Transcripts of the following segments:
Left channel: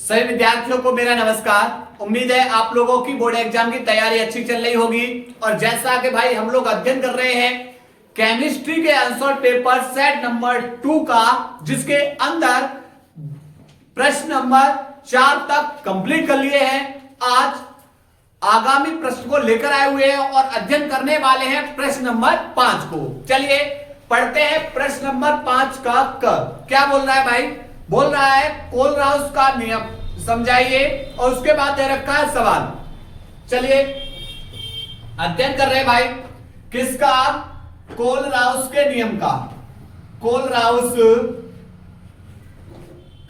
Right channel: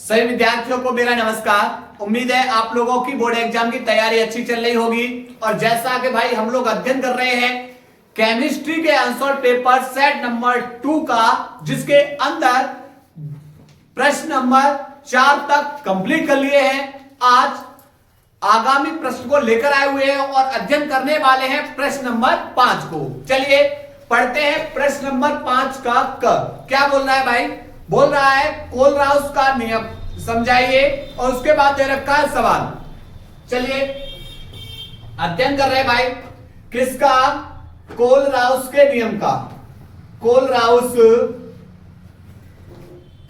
सभी विद्यार्थियों को मेरा नमस्कार। उम्मीद है आप लोगों की बोर्ड एग्जाम की तैयारी अच्छी चल रही होगी। और जैसा कि भाई हम लोग अध्ययन कर रहे हैं केमिस्ट्री के आंसर पेपर सेट नंबर 2 का, जिसके अंदर प्रश्न नंबर 4 तक कंप्लीट कर लिए हैं। आज आगामी प्रश्न को लेकर आए हुए हैं और अध्ययन करने वाले हैं प्रश्न नंबर 5 को। चलिए पढ़ते हैं प्रश्न नंबर 5 का। क्या बोल रहा है भाई? बोल रहा है कोलराउस का नियम समझाइए, और उसके बाद दे रखा है सवाल। चलिए अध्ययन कर रहे हैं भाई किसका? कोलराउस के नियम का। कोलराउस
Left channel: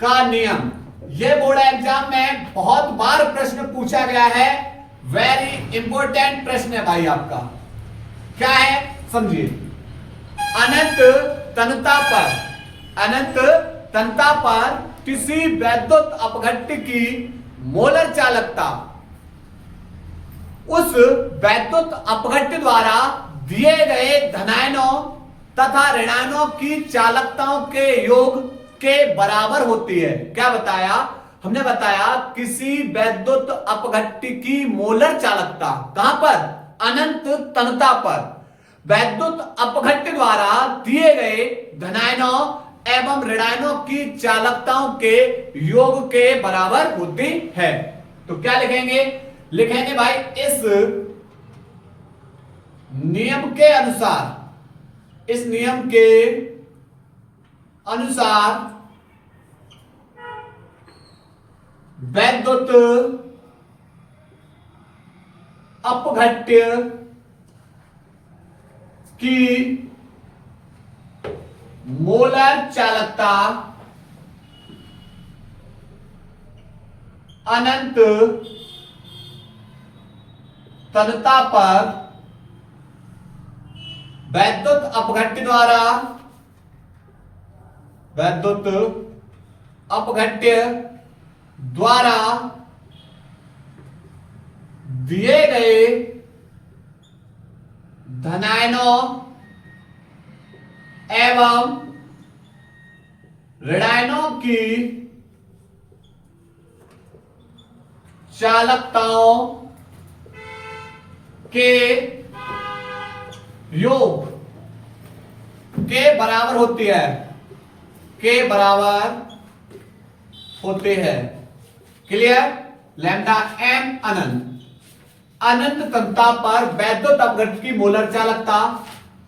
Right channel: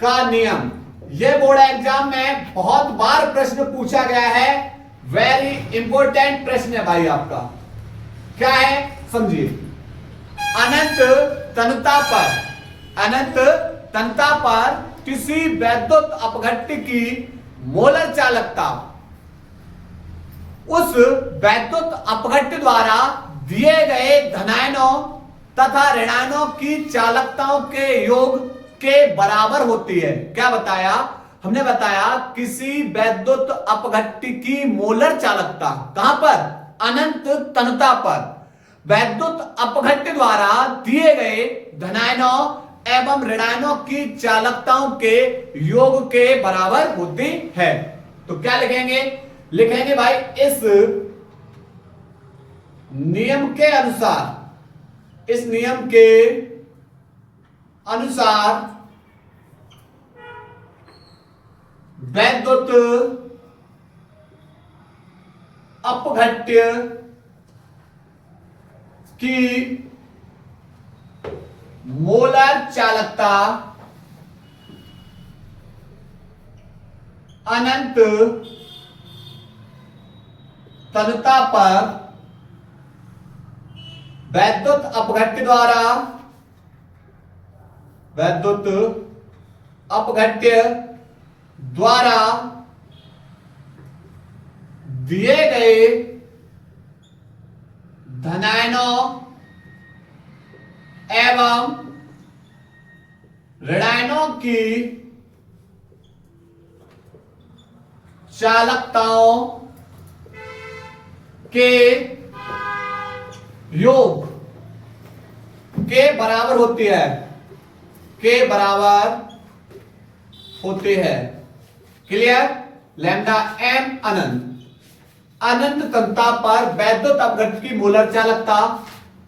का नियम यह बोर्ड एग्जाम में बहुत बार प्रश्न पूछा गया है। वेरी इंपॉर्टेंट प्रश्न है भाई आपका। क्या है समझिए। अनंत तनता पर किसी वैद्युत अपघट्य की मोलर चालकता उस वैद्युत अपघट्य द्वारा दिए गए धनायनों तथा ऋणायनों की चालकताओं के योग के बराबर होती है। क्या बताया हमने? बताया किसी वैद्युत अपघट्य की मोलर चालकता कहां पर? अनंत तनता पर वैद्युत अपघट्य द्वारा दिए गए धनायनों एवं ऋणायनों की चालकताओं के योग के बराबर होती है। तो क्या लिखेंगे? लिखेंगे भाई इस नियम के अनुसार वैद्युत अपघट्य की मोलर चालकता अनंत तनता पर वैद्युत अपघट्य द्वारा दिए गए धनायनों एवं ऋणायनों की चालकताओं के योग के बराबर होती है। क्लियर? लैम्डा एन अनंत तनता पर वैद्युत अपघट्य की मोलर चालकता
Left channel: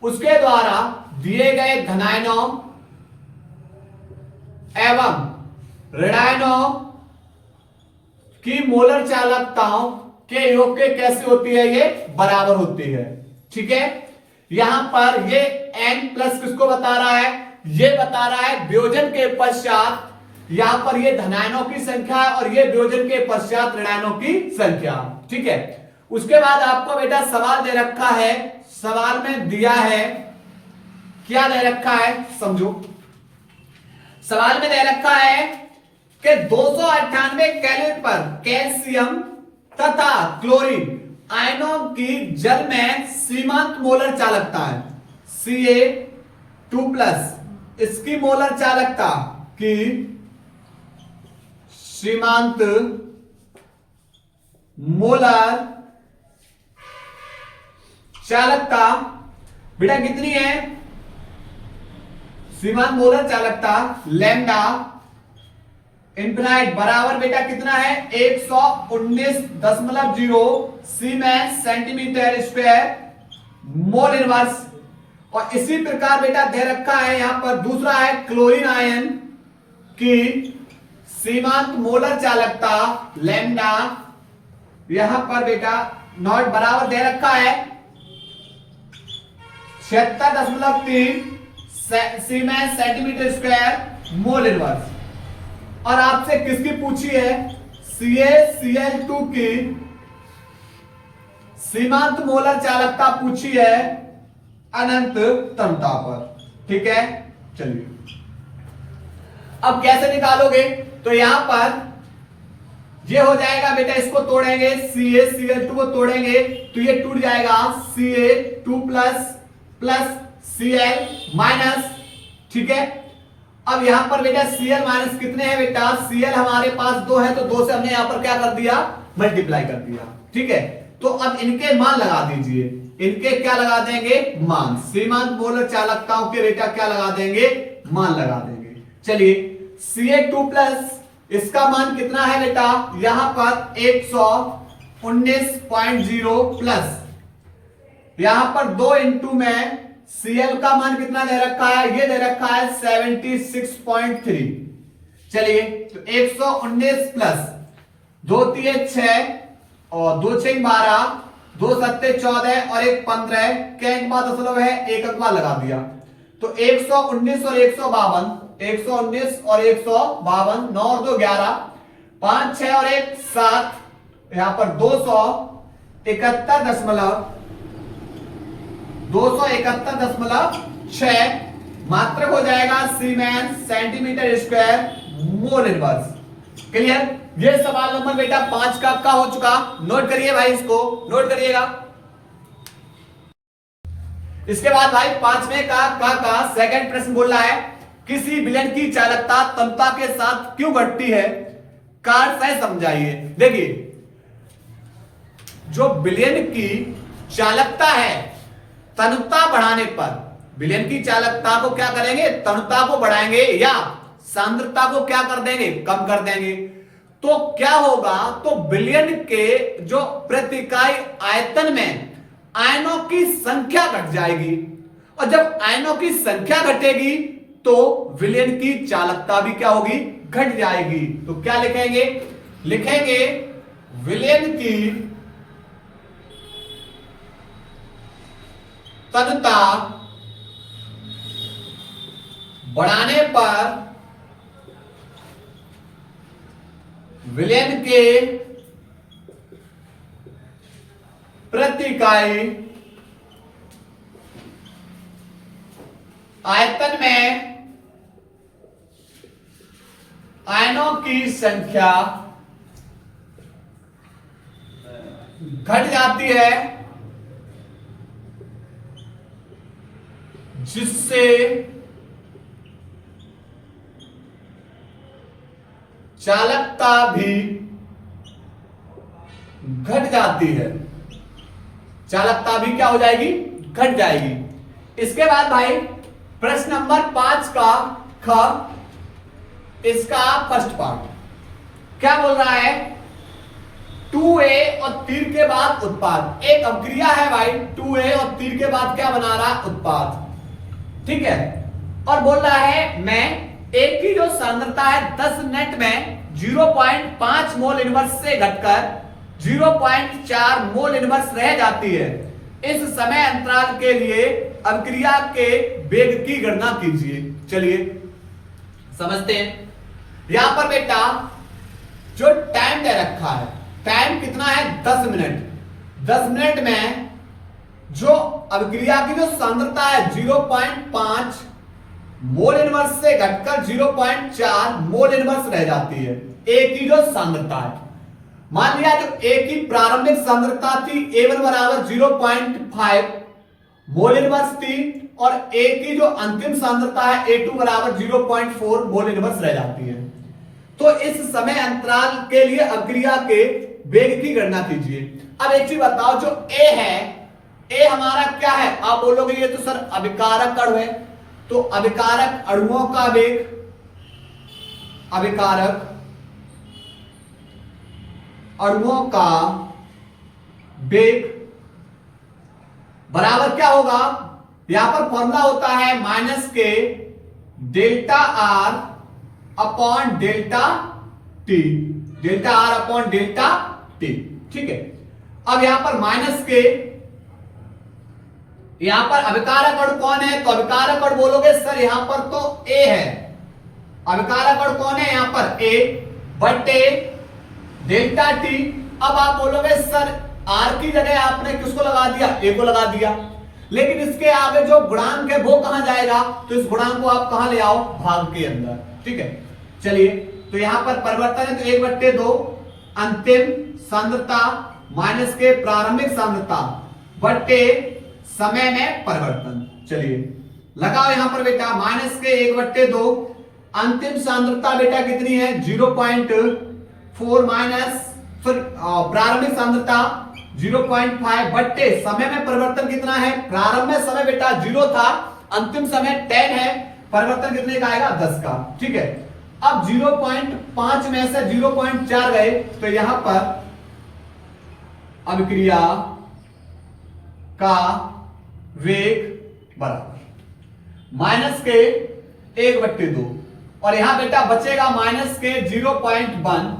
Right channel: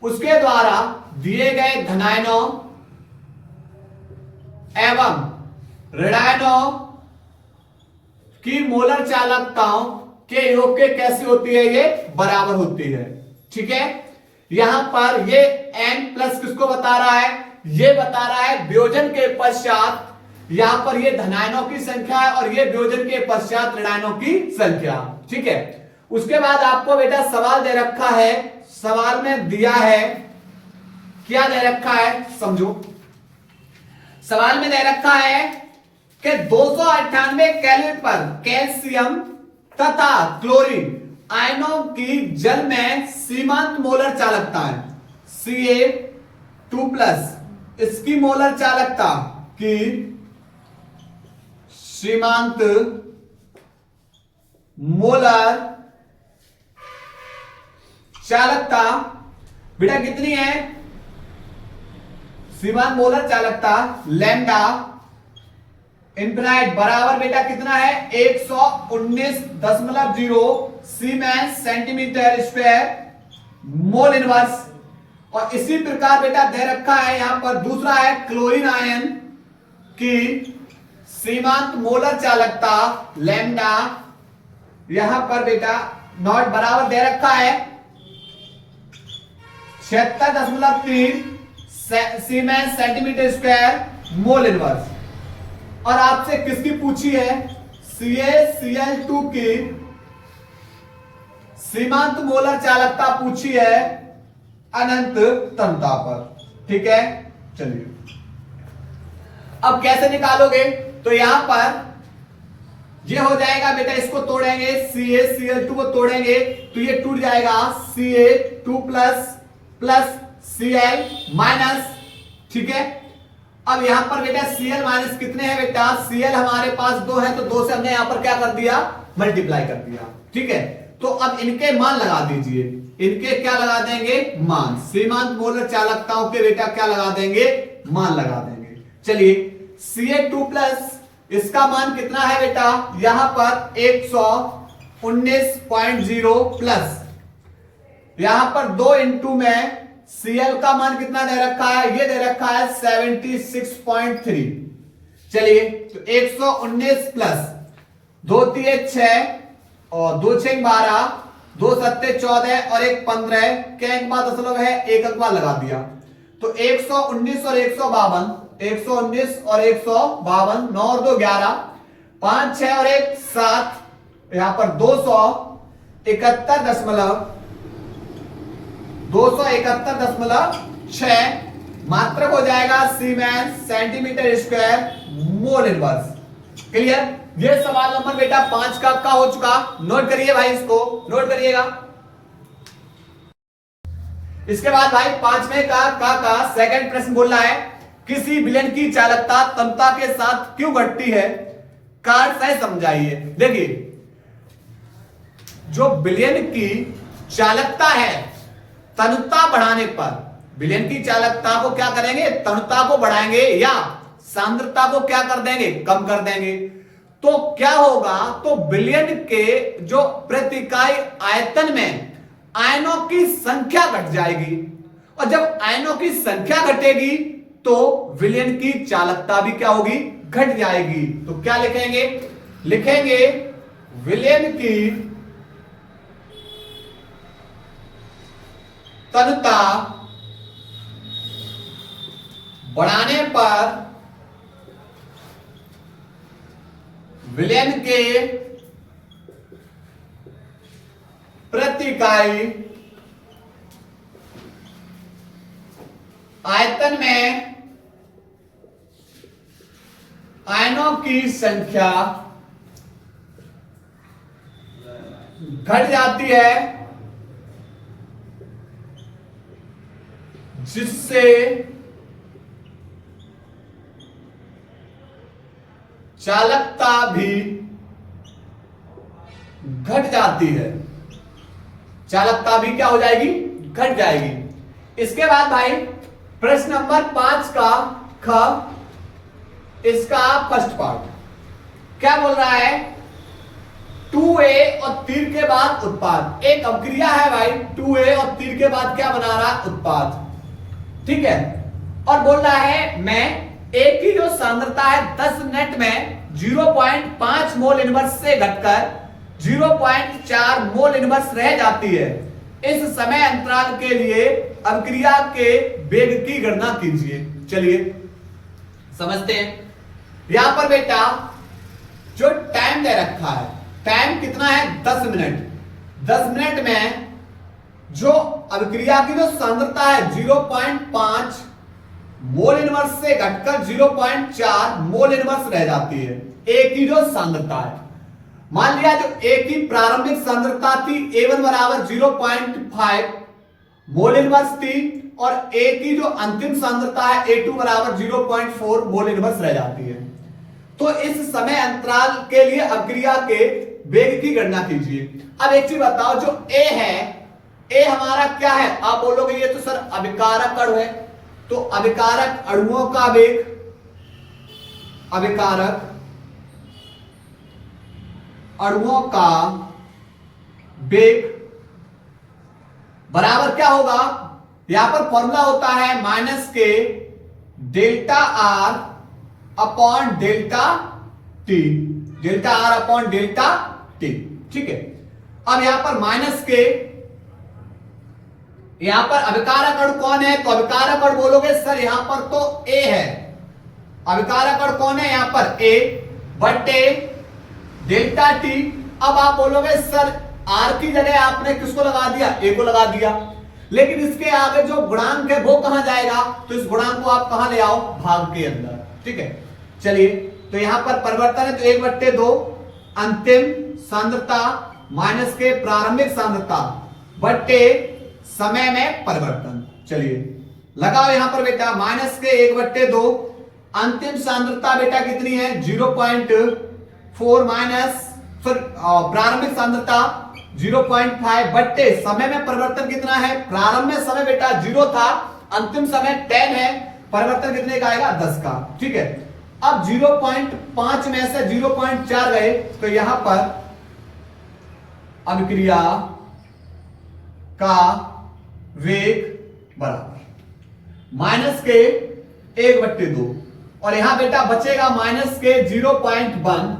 उसके द्वारा दिए गए धनायनों एवं ऋणायनों की मोलर चालकताओं के योग के कैसे होती है? ये बराबर होती है। ठीक है, यहां पर ये n प्लस किसको बता रहा है? ये बता रहा है वियोजन के पश्चात यहां पर ये धनायनों की संख्या है और ये वियोजन के पश्चात ऋणायनों की संख्या। ठीक है, उसके बाद आपको बेटा सवाल दे रखा है। सवाल में दिया है, क्या दे रखा है समझो। सवाल में दे रखा है कि 298 कैलोरी पर कैल्शियम तथा क्लोरीन आयनों की जल में सीमांत मोलर चालकता है Ca2+। इसकी मोलर चालकता की सीमांत मोलर चालकता बेटा कितनी है? सीमांत मोलर चालकता लैम्डा इनफिनाइट बराबर बेटा कितना है? 119.0 siemens centimetre square mole inverse. और इसी प्रकार बेटा दे रखा है यहां पर दूसरा है क्लोरीन आयन की सीमांत मोलर चालकता लैम्डा, यहां पर बेटा नॉट बराबर दे रखा है 76.3 siemens centimetre square mole inverse. और आपसे किसकी पूछी है? CaCl2 की सीमांत मोलर चालकता पूछी है अनंत तनता पर। ठीक है, चलिए अब कैसे निकालोगे? तो यहां पर ये हो जाएगा बेटा, इसको तोड़ेंगे CaCl2 को तोड़ेंगे तो ये टूट जाएगा Ca2+ Cl- ठीक है, अब यहां पर बेटा Cl माइनस कितने हैं बेटा, Cl हमारे पास 2 है, तो 2 से हमने यहां पर क्या कर दिया, मल्टीप्लाई कर दिया। ठीक है, तो अब इनके मान लगा दीजिए, इनके क्या लगा देंगे, मान। सीमांत मोलर चालकताओं के बेटा क्या लगा देंगे, मान लगा देंगे। चलिए Ca2 प्लस इसका मान कितना है बेटा, यहां पर 119.0 प्लस यहां पर 2 इंटू में Cl का मान कितना दे रखा है, ये दे रखा है 76.3। चलिए तो 119 प्लस 2 3 6 और 2 6 12, 2 7 14 और 1 15 के अंक बाद दशमलव है, एक अंक बाद लगा दिया, तो 119 और 152, 119 और 152, 9 और 2 11, 5 6 और 1 7, यहां पर 271.6 मात्रक हो जाएगा siemens centimetre square mole inverse. Clear. ये सवाल नंबर बेटा 5 का हो चुका, नोट करिए भाई, इसको नोट करिएगा। इसके बाद भाई 5वें का सेकंड प्रश्न बोल रहा है, किसी विलयन की चालकता तन्यता के साथ क्यों घटती है, कारण सही समझाइए। देखिए जो विलयन की चालकता है तन्यता बढ़ाने पर, विलयन की चालकता को क्या करेंगे, तन्यता को बढ़ाएंगे या सांद्रता को क्या कर देंगे, कम कर देंगे, तो क्या होगा, तो विलयन के जो प्रति इकाई आयतन में आयनों की संख्या घट जाएगी, और जब आयनों की संख्या घटेगी तो विलयन की चालकता भी क्या होगी, घट जाएगी। तो क्या लिखेंगे, लिखेंगे विलयन की तन्यता बढ़ाने पर विलयन के प्रति इकाई आयतन में आयनों की संख्या घट जाती है, जिससे चालकता भी घट जाती है, चालकता भी क्या हो जाएगी, घट जाएगी। इसके बाद भाई प्रश्न नंबर 5 का ख, इसका फर्स्ट पार्ट क्या बोल रहा है, 2a और तीर के बाद उत्पाद, एक अभिक्रिया है भाई, 2a और तीर के बाद क्या बना रहा, उत्पाद। ठीक है, और बोल रहा है मैं A की जो सांद्रता है 10 मिनट में 0.5 मोल इनवर्स से घटकर 0.4 मोल इनवर्स रह जाती है, इस समय अंतराल के लिए अभिक्रिया के वेग की गणना कीजिए। चलिए समझते हैं। यहां पर बेटा जो टाइम दे रखा है, टाइम कितना है, 10 मिनट। 10 मिनट में जो अभिक्रिया की जो सांद्रता है 0.5 मोल इनवर्स से घटकर 0.4 मोल इनवर्स रह जाती है, ए की जो सांद्रता है। मान लिया जो ए की प्रारंभिक सांद्रता थी A1 बराबर 0.5 मोल इनवर्स थी, और ए की जो अंतिम सांद्रता है A2 बराबर 0.4 मोल इनवर्स रह जाती है। तो इस समय अंतराल के लिए अभिक्रिया के वेग की गणना कीजिए। अब एक चीज बताओ, जो ए है, ए हमारा क्या है, आप बोलोगे ये तो सर अभिकारक अणु है, तो अभिकारक अणुओं का वेग, अभिकारक अणुओं का वेग बराबर क्या होगा, यहां पर फॉर्मूला होता है माइनस के delta R upon delta T, delta R upon delta T. ठीक है, अब यहां पर माइनस के, यहां पर अभिकारक अणु कौन है, तो अभिकारक अणु बोलोगे सर यहां पर तो ए है, अभिकारक अणु कौन है यहां पर ए बटे डेल्टा टी। अब आप बोलोगे सर आर की जगह आपने किसको लगा दिया, ए को लगा दिया, लेकिन इसके आगे जो गुणांक है वो कहां जाएगा, तो इस गुणांक को आप कहां ले आओ, भाग के अंदर। ठीक है, चलिए तो यहां पर परिवर्तन है, तो 1/2 अंतिम सांद्रता माइनस के प्रारंभिक सांद्रता बटे समय में परिवर्तन। चलिए लगाओ यहां पर बेटा माइनस के 1/2 अंतिम सांद्रता बेटा कितनी है 0.4 माइनस फिर प्रारंभिक सांद्रता 0.5 बट्टे समय में परिवर्तन कितना है, प्रारंभ में समय बेटा 0 था, अंतिम समय 10 है, परिवर्तन कितने का आएगा 10 का। ठीक है, अब 0.5 में से 0.4 गए तो यहां पर अभिक्रिया का वेग बराबर माइनस के 1/2 और यहां बेटा बचेगा माइनस के 0.1,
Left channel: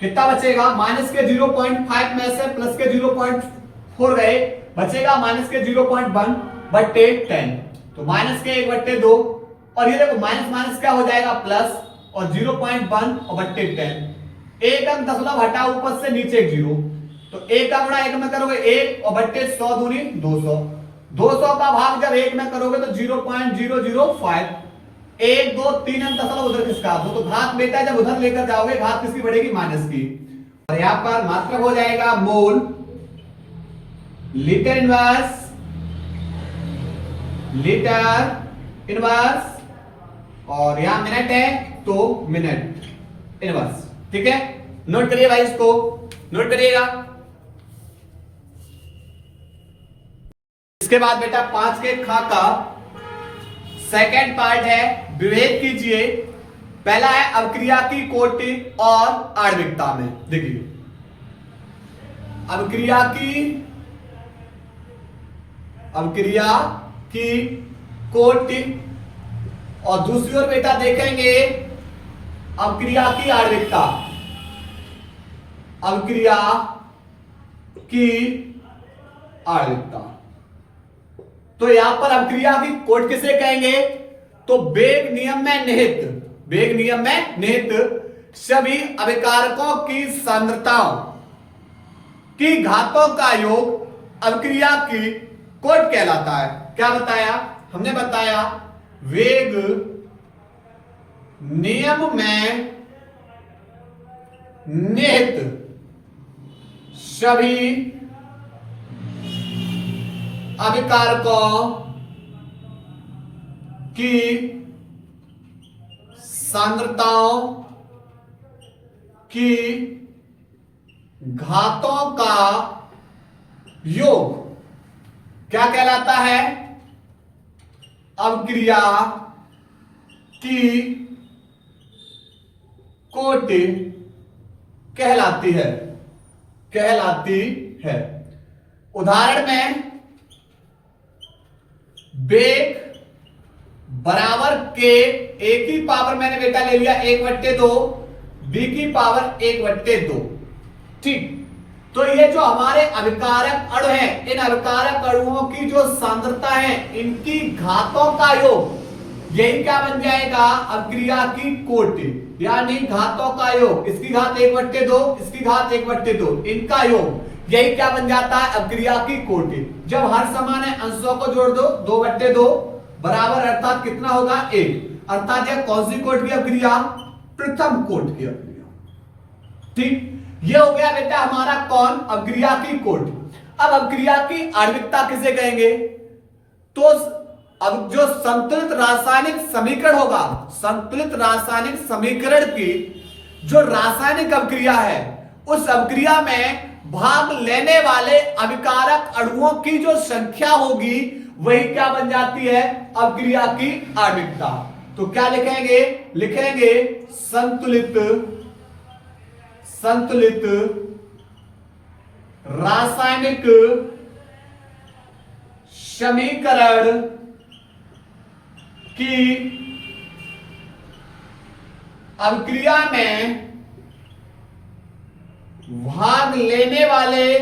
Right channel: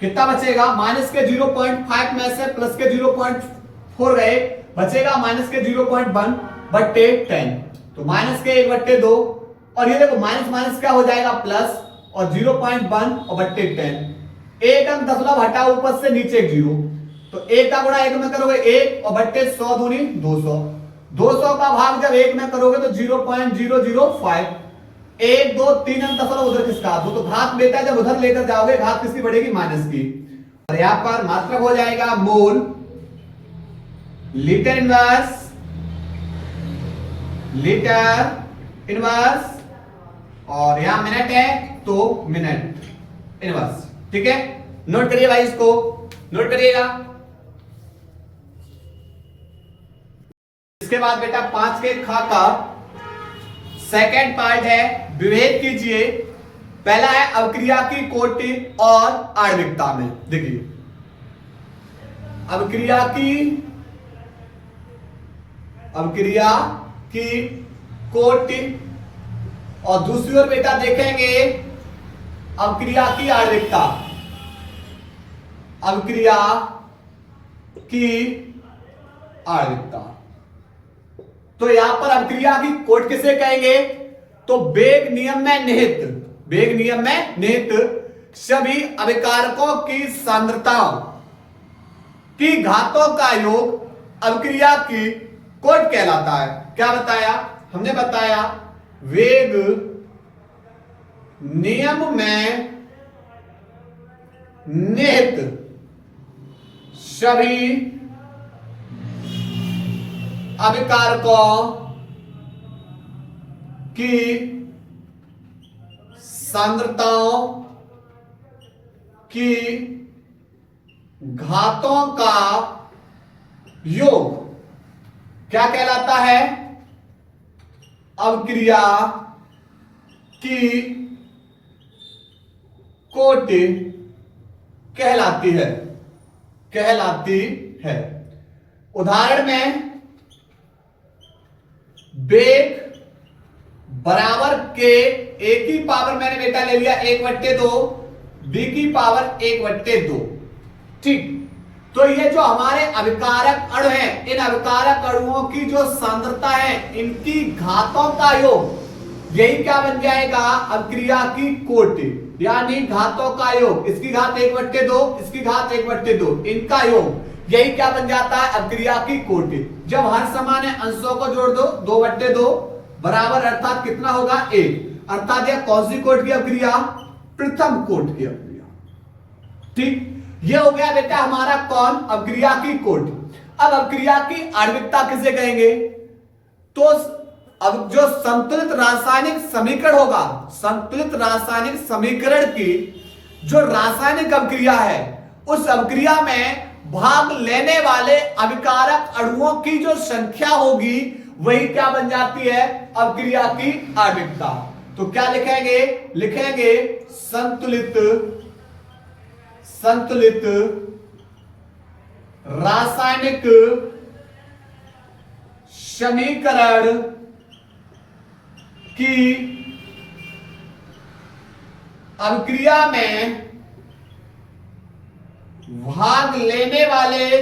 कितना बचेगा माइनस के 0.5 में से प्लस के 0.4 गए, बचेगा माइनस के 0.1/10, तो माइनस के 1/2 और ये देखो माइनस माइनस क्या हो जाएगा प्लस और 0.1 और बट्टे 10, एक अंक दशमलव हटा ऊपर से नीचे एक 0, तो 1 का गुणा 1 में करोगे 1 और बट्टे 100 दूनी 200, 200 का भाग जब 1 में करोगे तो 0.005, 1 2 3 अंक दशमलव उधर किसका दो, तो घात बेटा जब उधर लेकर जाओगे घात किसकी बढ़ेगी माइनस की, और यहां पर मात्रक हो जाएगा मोल लीटर इनवर्स और यहां मिनट है तो मिनट इनवर्स। ठीक है, नोट करिए भाई, इसको नोट करिएगा। इसके बाद बेटा 5 के खा का सेकंड पार्ट है, विभेद कीजिए। पहला है अवक्रिया की कोटि और आणविकता में। देखिए अवक्रिया की कोटि और दूसरी ओर बेटा देखेंगे अवक्रिया की आणविकता, अवक्रिया की आणविकता। तो यहां पर अवक्रिया की कोटि किसे कहेंगे, तो वेग नियम में निहित सभी अभिकारकों की सांद्रताओं की घातों का योग अवक्रिया की कोटि कहलाता है। क्या बताया हमने, बताया वेग नियम में निहित सभी अभिकारकों की सांद्रताओं की घातों का योग क्या कहलाता है, अवक्रिया की कोटि कहलाती है। उदाहरण में वेग बराबर के ए की पावर मैंने बेटा ले लिया 1/2, बी की पावर 1/2। ठीक, तो ये जो हमारे अभिकारक अणु हैं, इन अभिकारक अणुओं की जो सांद्रता है, इनकी घातों का योग, यही क्या बन जाएगा अवक्रिया की कोटि, यानी घातों का योग, इसकी घात 1/2, इसकी घात 1/2, इनका योग, यही क्या बन जाता है अवक्रिया की कोटि। जब हर समान है अंशों को जोड़ दो, 2/2 बराबर अर्थात कितना होगा 1, अर्थात यह कौन सी कोटि की अवक्रिया, प्रथम कोटि की अवक्रिया। ठीक, ये हो गया बेटा हमारा कौन, अवक्रिया की कोटि। अब अवक्रिया की आणविकता किसे कहेंगे, तो अब जो संतुलित रासायनिक समीकरण होगा, संतुलित रासायनिक समीकरण की जो रासायनिक अवक्रिया है, उस अवक्रिया में भाग लेने वाले अभिकारक अणुओं की जो संख्या होगी वही क्या बन जाती है अवक्रिया की आणविकता। तो क्या लिखेंगे, संतुलित रासायनिक समीकरण की अवक्रिया में भाग लेने वाले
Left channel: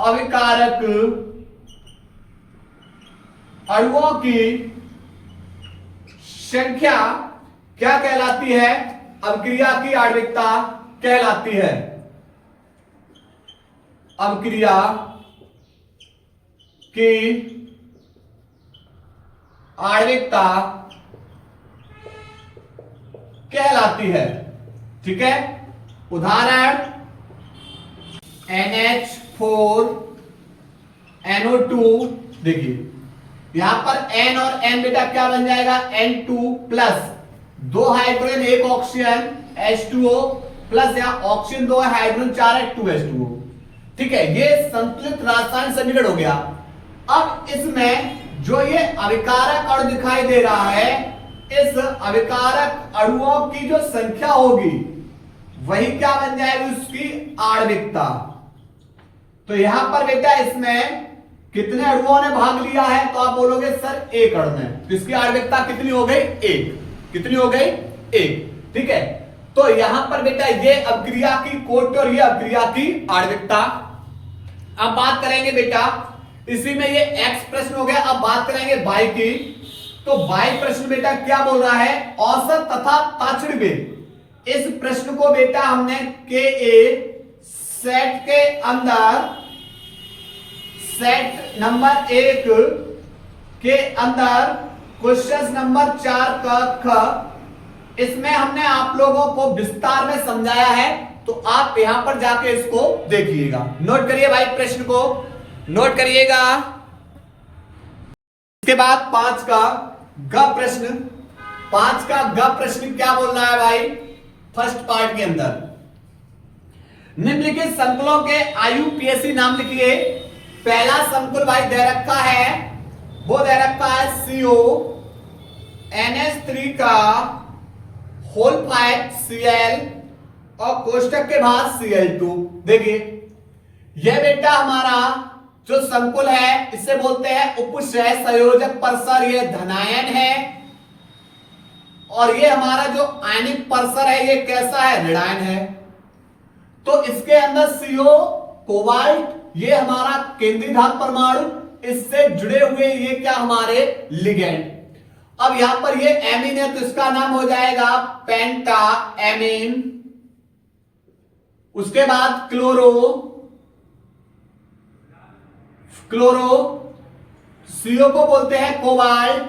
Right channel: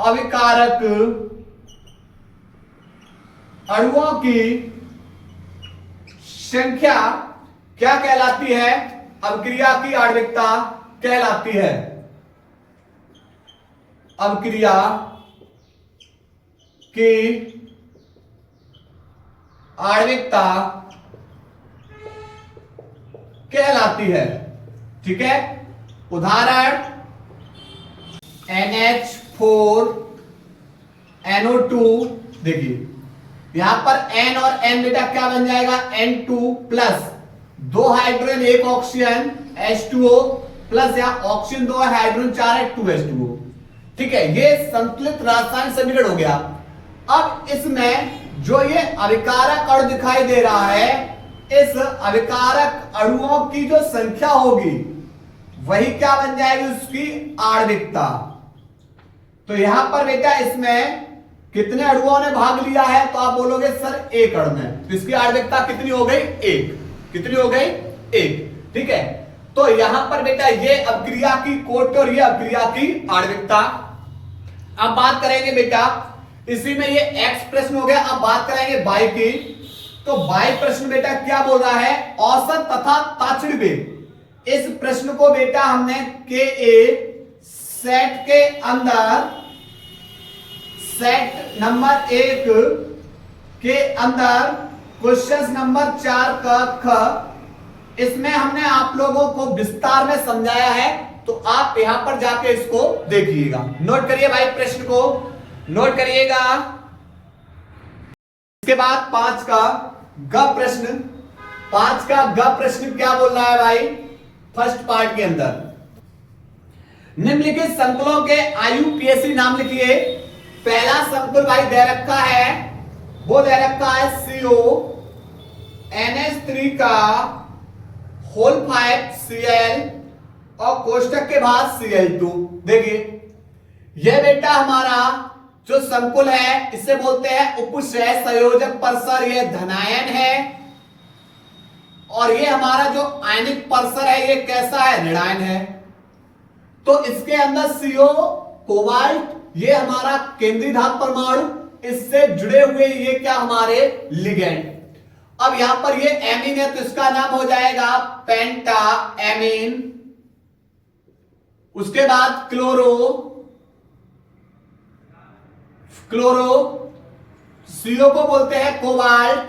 अभिकारक अणुओं की संख्या क्या कहलाती है, अवक्रिया की आणविकता कहलाती है। अवक्रिया की आणविकता कहलाती है। ठीक है, उदाहरण NH4 NO2, देखिए यहां पर N और N बेटा क्या बन जाएगा, N2 plus 2 hydrogen 1 oxygen H2O plus यहां ऑक्सीजन 2 है, हाइड्रोजन 4 है, 2H2O। ठीक है, ये संतुलित रासायनिक समीकरण हो गया। अब इसमें जो ये अभिकारक अणु दिखाई दे रहा है, इस अभिकारक अणुओं की जो संख्या होगी वही क्या बन जाएगी, उसकी आणविकता। तो यहां पर बेटा इसमें कितने अणुओं ने भाग लिया है, तो आप बोलोगे सर एक अणु में, तो इसकी आणविकता कितनी हो गई, एक। कितनी हो गई, एक। ठीक है, तो यहां पर बेटा ये अभिक्रिया की कोटि और ये अभिक्रिया की आणविकता। अब बात करेंगे बेटा, इसी में ये एक्स प्रश्न हो गया। अब बात करेंगे वाई की। तो वाई प्रश्न बेटा क्या बोल रहा है, औसत तथा ताक्षणिक वेग। इस प्रश्न को बेटा हमने के ए सेट के अंदर, सेट नंबर 1 के अंदर क्वेश्चन नंबर 4 का ख, इसमें हमने आप लोगों को विस्तार में समझाया है। तो आप यहां पर जाके इसको देखिएगा, नोट करिए भाई, प्रश्न को नोट करिएगा। इसके बाद 5 का ग प्रश्न, 5 का ग प्रश्न क्या बोल रहा है भाई, फर्स्ट पार्ट के अंदर निम्नलिखित संकुलों के IUPAC नाम लिखिए। पहला संकुल भाई दे रखा है, वो दे रखा है CO NH3 का होल 5 Cl और कोष्टक के बाद Cl2। देखिए यह बेटा हमारा जो संकुल है इसे बोलते हैं उपसह संयोजक परसर, ये धनायन है। और ये हमारा जो आयनिक परसर है ये कैसा है, ऋणायन है। तो इसके अंदर CO कोबाल्ट, ये हमारा केंद्रीय धातु परमाणु, इससे जुड़े हुए ये क्या हमारे लिगेंड। अब यहां पर ये एमीन है तो इसका नाम हो जाएगा पेंटा एमीन। उसके बाद क्लोरो, क्लोरो, CO को बोलते हैं कोबाल्ट,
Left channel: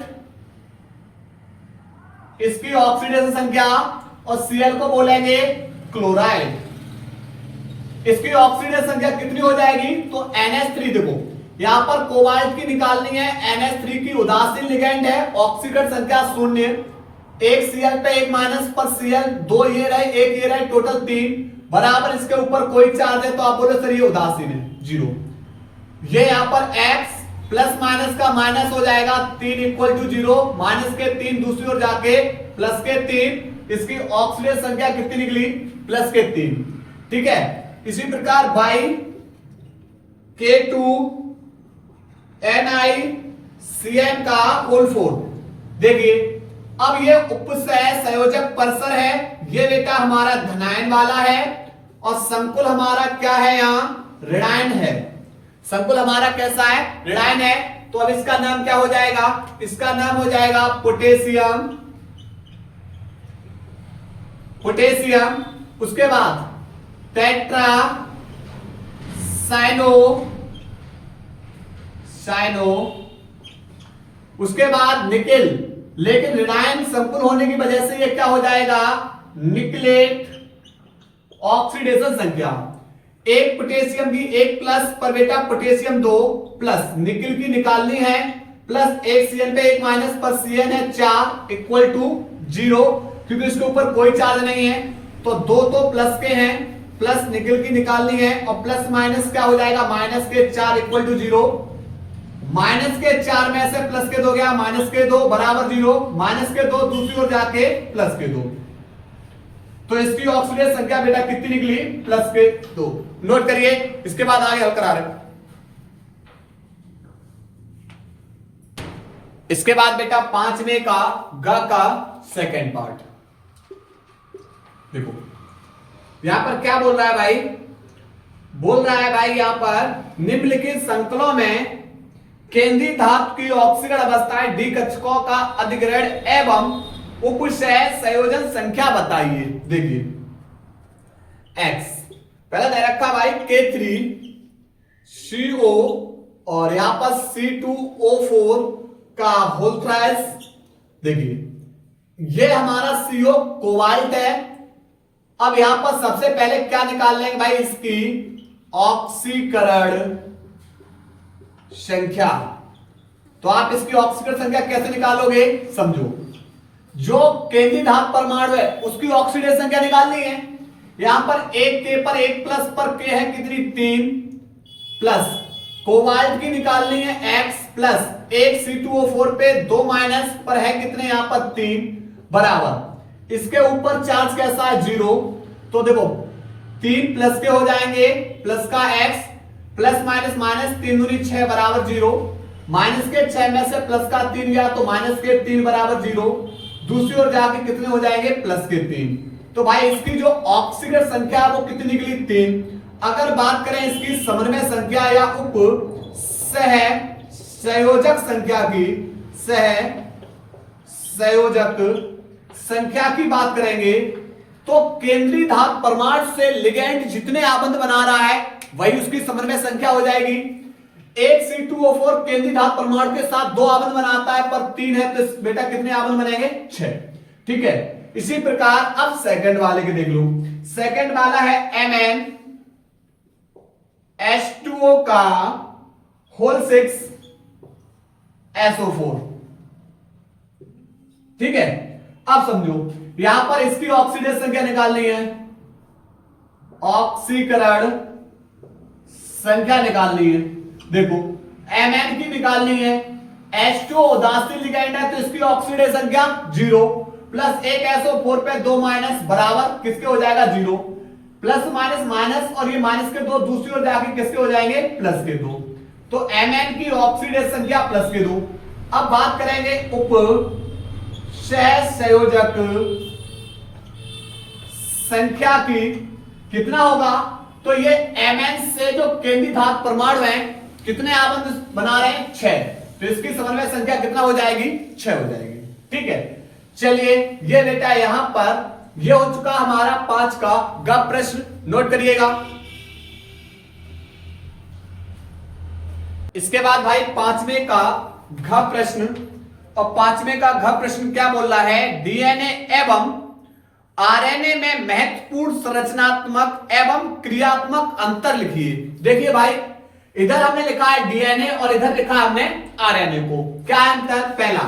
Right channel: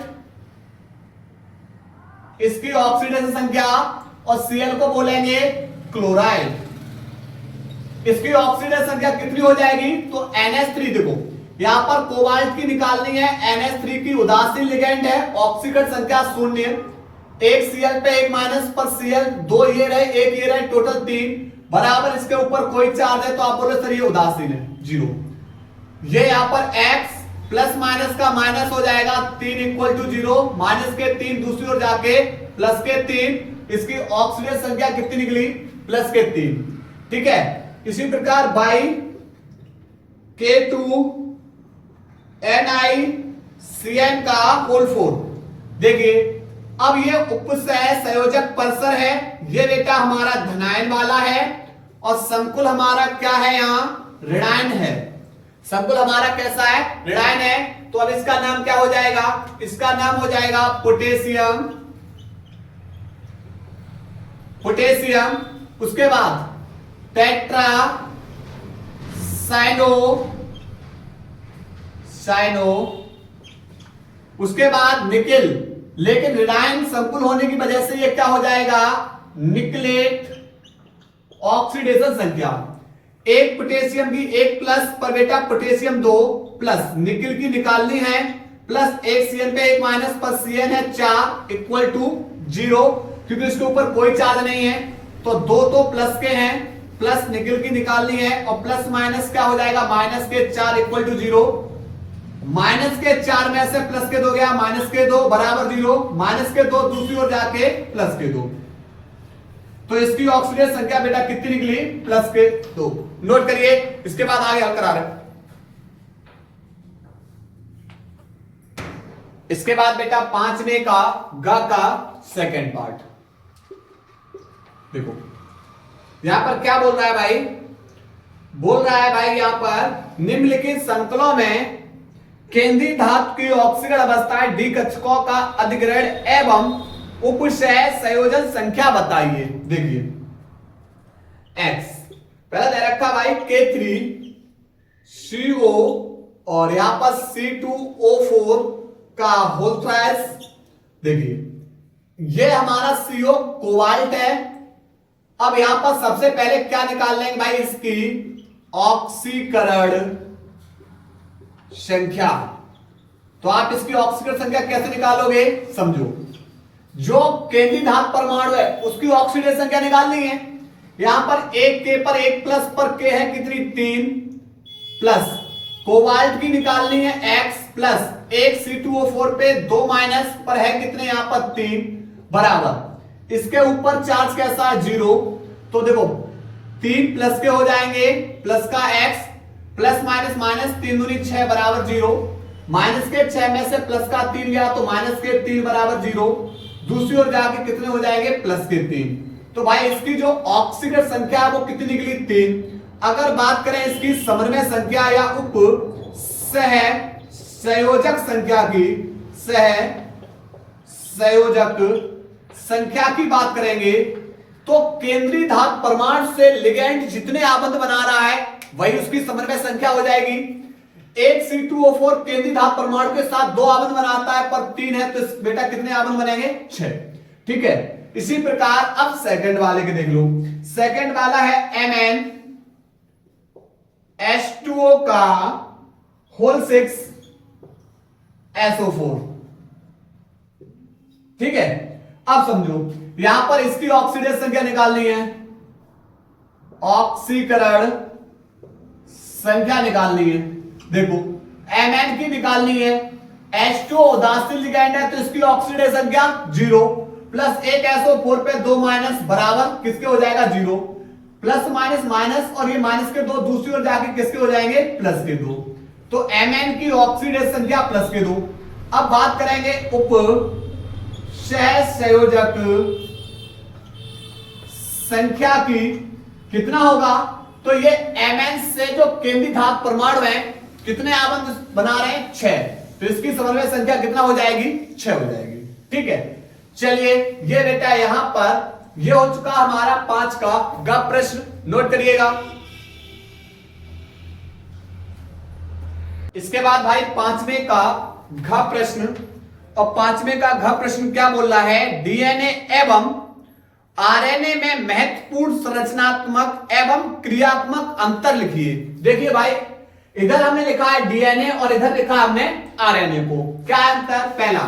इसकी ऑक्सीडेशन संख्या, और Cl को बोलेंगे क्लोराइड, इसकी ऑक्सीडेशन संख्या कितनी हो जाएगी, तो NH3। देखो यहां पर कोबाल्ट की निकालनी है, NH3 की उदासीन लिगेंड है, ऑक्सीकरण संख्या 0, एक Cl पे एक माइनस पर Cl, 2 ये रहे, एक ये रहे, टोटल 3 बराबर। इसके ऊपर कोई चार्ज है तो आप बोले सर ये उदासीन है, 0। ये यहां पर X प्लस माइनस का माइनस हो जाएगा, 3 इक्वल टू 0, माइनस के 3 दूसरी ओर जाके प्लस के 3, इसकी ऑक्सीडेशन संख्या कितनी निकली, प्लस के 3। ठीक है, इसी प्रकार बाई K2 NiCN का होल 4। देखिए अब ये उपसह संयोजक परसर है, ये बेटा हमारा धनायन वाला है, और संकुल हमारा क्या है, यहां ऋणायन है। संकुल हमारा कैसा है, ऋणायन है। तो अब इसका नाम क्या हो जाएगा, इसका नाम हो जाएगा पोटेशियम, पोटेशियम। उसके बाद टेट्रा साइनो, साइनो। उसके बाद निकिल, लेकिन ऋणायन संकुल होने की वजह से ये क्या हो जाएगा, निकलेट। ऑक्सीडेशन संख्या, एक पोटेशियम की 1 प्लस पर बेटा पोटेशियम 2 प्लस, निकिल की निकालनी है, प्लस एक Cn पे एक माइनस पर Cn है 4 इक्वल टू 0, क्योंकि इसके ऊपर कोई चार्ज नहीं है। तो 2 तो प्लस के हैं, प्लस निकिल की निकालनी है, और प्लस माइनस क्या हो जाएगा, माइनस के 4 इक्वल टू 0। माइनस के 4 में से प्लस के 2 गया, माइनस के 2 बराबर 0, माइनस के 2 दूसरी ओर जाके प्लस के 2। तो इसकी ऑक्सीडेशन संख्या बेटा कितनी निकली, प्लस के 2। नोट करिए, इसके बाद आगे हल करा रहे। इसके बाद बेटा 5वें का ग का सेकंड पार्ट देखो, यहां पर क्या बोल रहा है भाई, बोल रहा है भाई यहां पर निम्नलिखित संकुलों में केंद्रीय धातु की ऑक्सीकरण अवस्थाएं डी कक्षकों का अधिग्रहण एवं उपसह संयोजन संख्या बताइए। देखिए X पहले दे रखा भाई K3CO और यहां पर C2O4 का होल थ्राइस। देखिए ये हमारा CO कोबाल्ट है। अब यहां पर सबसे पहले क्या निकाल लेंगे भाई, इसकी ऑक्सीकरण संख्या। तो आप इसकी ऑक्सीडेशन संख्या कैसे निकालोगे, समझो। जो केंद्रीय धातु परमाणु है उसकी ऑक्सीडेशन संख्या निकालनी है। यहां पर एक के पर एक प्लस पर के है कितनी, 3 प्लस कोबाल्ट की निकालनी है x प्लस एक C2O4 पे 2 माइनस पर है कितने, यहां पर 3 बराबर इसके ऊपर चार्ज कैसा है, 0। तो देखो 3 प्लस के हो जाएंगे प्लस का x प्लस माइनस माइनस 3 दूनी 6 बराबर 0, माइनस के 6 में से प्लस का 3 गया तो माइनस के 3 बराबर 0, दूसरी ओर जाके कितने हो जाएंगे, प्लस के 3। तो भाई इसकी जो ऑक्सीडेशन संख्या है वो कितनी निकली, 3। अगर बात करें इसकी समन्वय संख्या या उप संयोजक संख्या की, संयोजक संख्या की बात करेंगे तो केंद्रीय धातु परमाणु से लिगेंड जितने आबंध बना रहा है वही उसकी समन्वय संख्या हो जाएगी। एक C2O4 केंद्रीय धातु परमाणु के साथ 2 आबंध बनाता है पर 3 है, तो बेटा कितने आबंध बनेंगे, 6। ठीक है, इसी प्रकार अब सेकंड वाले के देख लो। सेकंड वाला है Mn H2O का होल 6 SO4। ठीक है, अब समझो यहां पर इसकी ऑक्सीडेशन संख्या निकालनी है, ऑक्सीकरण संख्या निकालनी है। देखो Mn की निकालनी है, H2O उदासीन लिगैंड है तो इसकी ऑक्सीडेशन संख्या 0 प्लस एक SO4 पे 2 माइनस बराबर किसके हो जाएगा, 0। प्लस माइनस माइनस और ये माइनस के 2 दूसरी ओर जाके किसके हो जाएंगे, प्लस के 2। तो Mn की ऑक्सीडेशन संख्या प्लस के 2। अब बात करेंगे उप सहसंयोजक संख्या की, कितना होगा, तो ये Mn से जो केंद्रीय धातु परमाणु है कितने आबंध बना रहे हैं, 6। तो इसकी समन्वय संख्या कितना हो जाएगी, 6 हो जाएगी। ठीक है, चलिए ये बेटा यहां पर ये हो चुका हमारा 5 का ग प्रश्न, नोट करिएगा। इसके बाद भाई 5वें का घ प्रश्न, और 5वें का घ प्रश्न क्या बोल रहा है, डीएनए एवं आरएनए में महत्वपूर्ण संरचनात्मक एवं क्रियात्मक अंतर लिखिए। देखिए भाई इधर हमने लिखा है डीएनए और इधर लिखा हमने आरएनए को, क्या है अंतर, पहला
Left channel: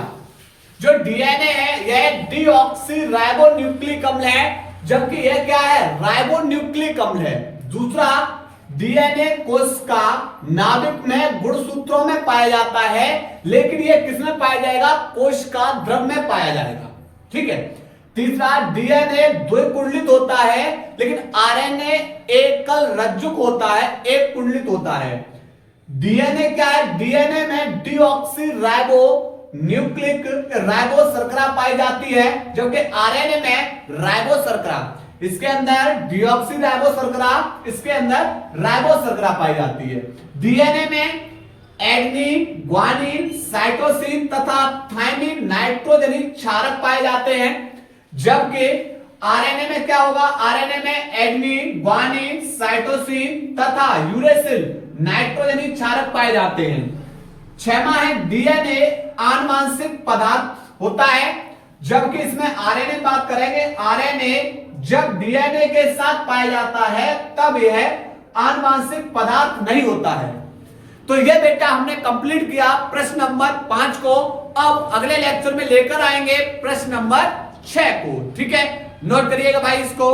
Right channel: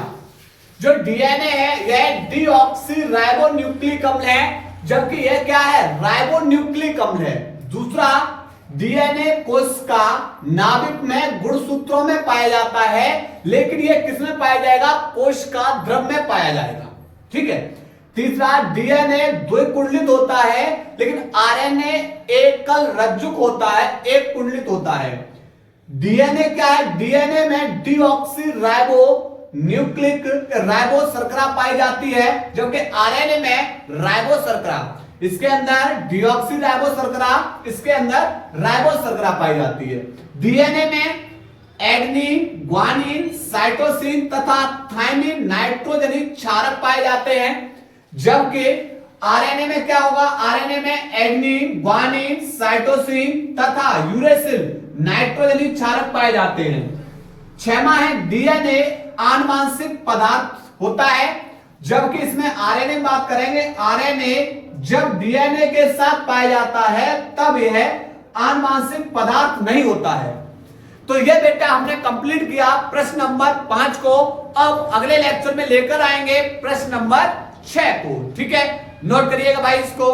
जो डीएनए है यह डीऑक्सी राइबोन्यूक्लिक अम्ल है, जबकि यह क्या है, राइबोन्यूक्लिक अम्ल है। दूसरा डीएनए कोश का नाभिक में गुणसूत्रों में पाया जाता है, लेकिन यह किसमें पाया जाएगा, कोश का द्रव में पाया जाएगा। ठीक है, तीसरा डीएनए द्विकुंडलित होता है लेकिन आरएनए एकल रज्जुक होता है, एक कुंडलित होता है। डीएनए क्या है, डीएनए में डीऑक्सी राइबो न्यूक्लिक राइबो शर्करा पाई जाती है, जबकि आरएनए में राइबो शर्करा, इसके अंदर डीऑक्सी राइबो शर्करा, इसके अंदर राइबो शर्करा पाई जाती है। डीएनए में एडेनिन, ग्वानिन, साइटोसिन तथा थाइमिन नाइट्रोजनिक क्षारक पाए जाते हैं, जबकि आरएनए में क्या होगा, आरएनए में एडेनिन, ग्वानिन, साइटोसिन तथा यूरेसिल नाइट्रोजनिक क्षारक पाए जाते हैं। 6वां है डीएनए आनुवांशिक पदार्थ होता है, जबकि इसमें आरएनए बात करेंगे, आरएनए जब डीएनए के साथ पाया जाता है तब यह आनुवांशिक पदार्थ नहीं होता है। तो यह बेटा हमने कंप्लीट किया प्रश्न नंबर 5 को। अब अगले लेक्चर में लेकर आएंगे प्रश्न नंबर 6 को। ठीक है, नोट करिएगा भाई इसको।